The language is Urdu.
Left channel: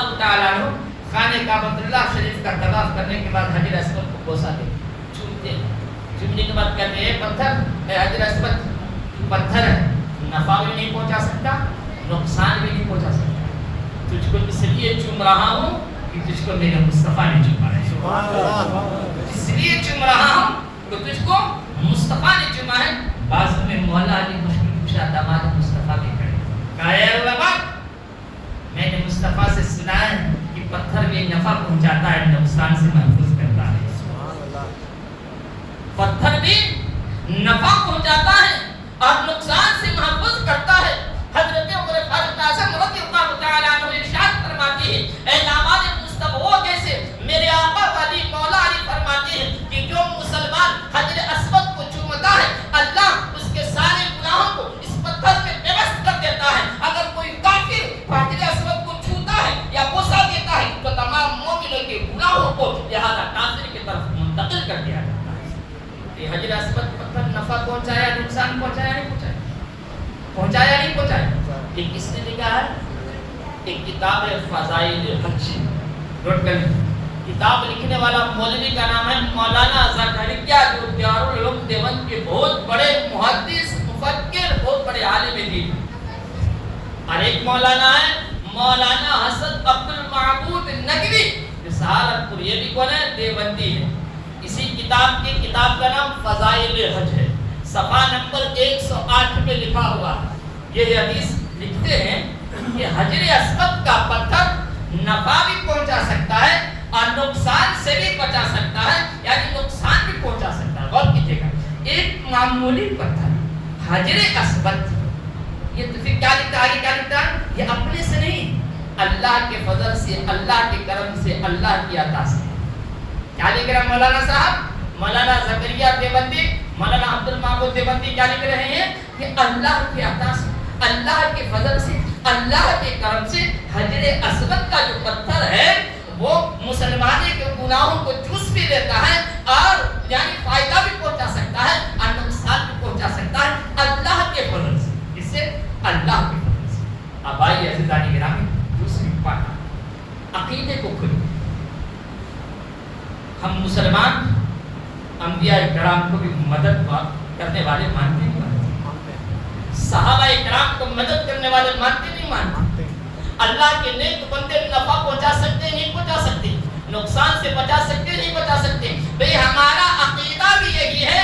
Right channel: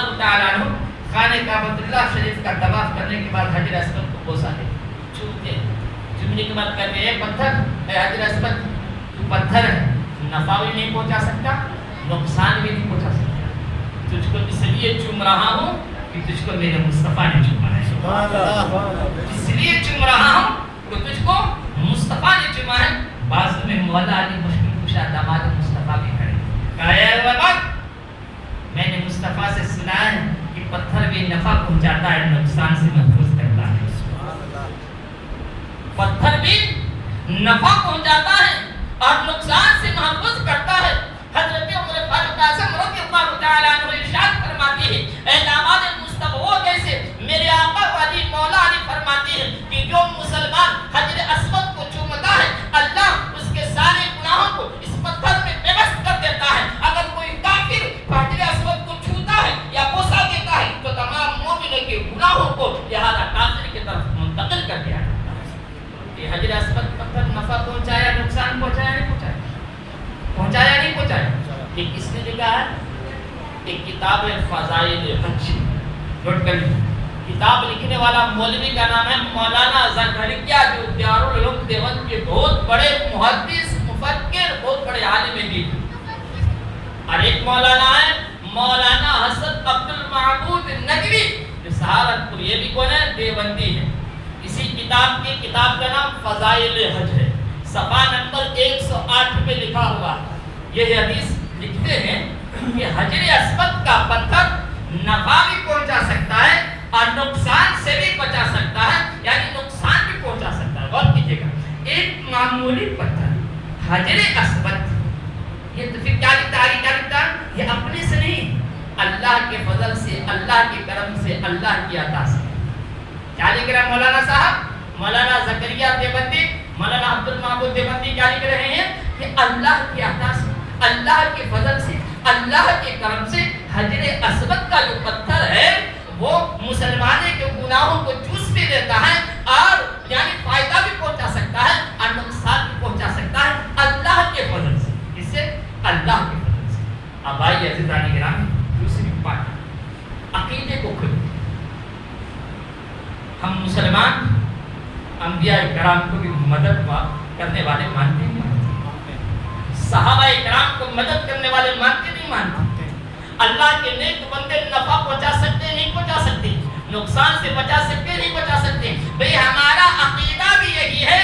اللہ تعالیٰ عنہ خانہ کعبۃ اللہ شریف کا طواف کرنے کے بعد حجر اسود کو بوسہ دے چومتے چومنے کے بعد کہتے ہیں پتھر اے حجر اسود پتھر ہے، نفع بھی نہیں پہنچا سکتا نقصان بھی نہیں پہنچا سکتا، تجھ کو اس لیے چوم رہا ہوں کہ تجھ کو میرے مصطفیٰ نے چوما ہے، اس لیے چوم رہا ہوں کہ تجھ کو مصطفیٰ نے چوما ہے۔ بعض میں مولا علی مشکل کشا داماد مصطفیٰ بھی کھڑے کہا یا رب میں نے مصطفیٰ سے سنا ہے کہ پتھر بھی نفع پہنچاتا ہے نقصان سے محفوظ کرتا ہے، پتھر بھی نفع پہنچاتا ہے اور نقصان سے محفوظ کرتا ہے۔ حضرت عمر فاروق اعظم رضی اللہ تعالی عنہ ارشاد فرماتے ہیں اے داماد مصطفیٰ وہ کیسے؟ میرے آقا والی مولا علی فرماتے ہیں کہ جو مسلمان حجر اسود کو چومتا ہے اللہ اس کے سارے گناہوں کو اس پتھر میں بےبس کر دیتا ہے۔ اگر کوئی کافر حجر اسود کو چھوتا ہے یا بوسہ دیتا ہے تو تمام مومنوں کے گناہوں کو لہذا کافر کی طرف منتقل کر دیا جاتا ہے۔ یہ حجر اسود پتھر نفع پہنچایا نقصان پہنچایا نہیں پہنچایا؟ پہنچایا نہیں پہنچایا؟ یہ کس نے لکھا ہے؟ ایک کتاب ہے فضائل حج، نوٹ کر لیجیے، کتاب لکھنے والا مولوی کا نام ہے مولانا زکریا جو دارالعلوم دیوبند کے بہت بڑے محدث مفکر بہت بڑے عالم دین، اور ایک مولانا ہے مولانا حسن عبد المعبود نقوی جو سہارنپور، یہ بھی کون ہے؟ دیوبندی ہے۔ اسی کتاب کا نام فضائل حج ہے، صفحہ نمبر 108 پہ لکھا ہوا ہے۔ یہ حدیث لکھتے ہیں کہ حجر اسود کا پتھر نفع بھی پہنچا سکتا ہے اور نقصان سے بھی بچا سکتا ہے، یعنی نقصان بھی پہنچا سکتا ہے۔ غور کیجیے گا، ایک معمولی پتھر حجر اسود، یہ تو پھر کیا لکھتا ہے؟ یہ اپنے سے نہیں، اللہ کے فضل سے، اللہ کے کرم سے، اللہ کی عطا سے۔ کیا لکھ رہا ہے مولانا صاحب؟ مولانا زکریا دیوبندی، مولانا عبد المعبود دیوبندی کیا لکھ رہے ہیں کہ اللہ کی عطا سے، اللہ کے فضل سے، اللہ کے کرم سے حجر اسود کا جو پتھر ہے وہ مسلمانوں کے گناہوں کو چوس بھی دیتا ہے اور یعنی فائدہ بھی پہنچا سکتا ہے اور نقصان بھی پہنچا سکتا ہے اللہ کے فضل سے۔ اس سے اللہ کے فضل سے۔ اب آئیے عزیزان گرامی دوسری بات، عقیدے کو کھولیں۔ ہم مسلمان انبیاء کرام کو بھی مدد کرنے والے مانتے نہیں مانتے؟ صحابہ کرام کو مدد کرنے والے مانتے نہیں مانتے؟ اللہ کے نیک بندے نفع پہنچا سکتے نہیں پہنچا سکتے؟ نقصان سے بچا سکتے نہیں بچا سکتے؟ بھئی ہمارا عقیدہ بھی یہی ہے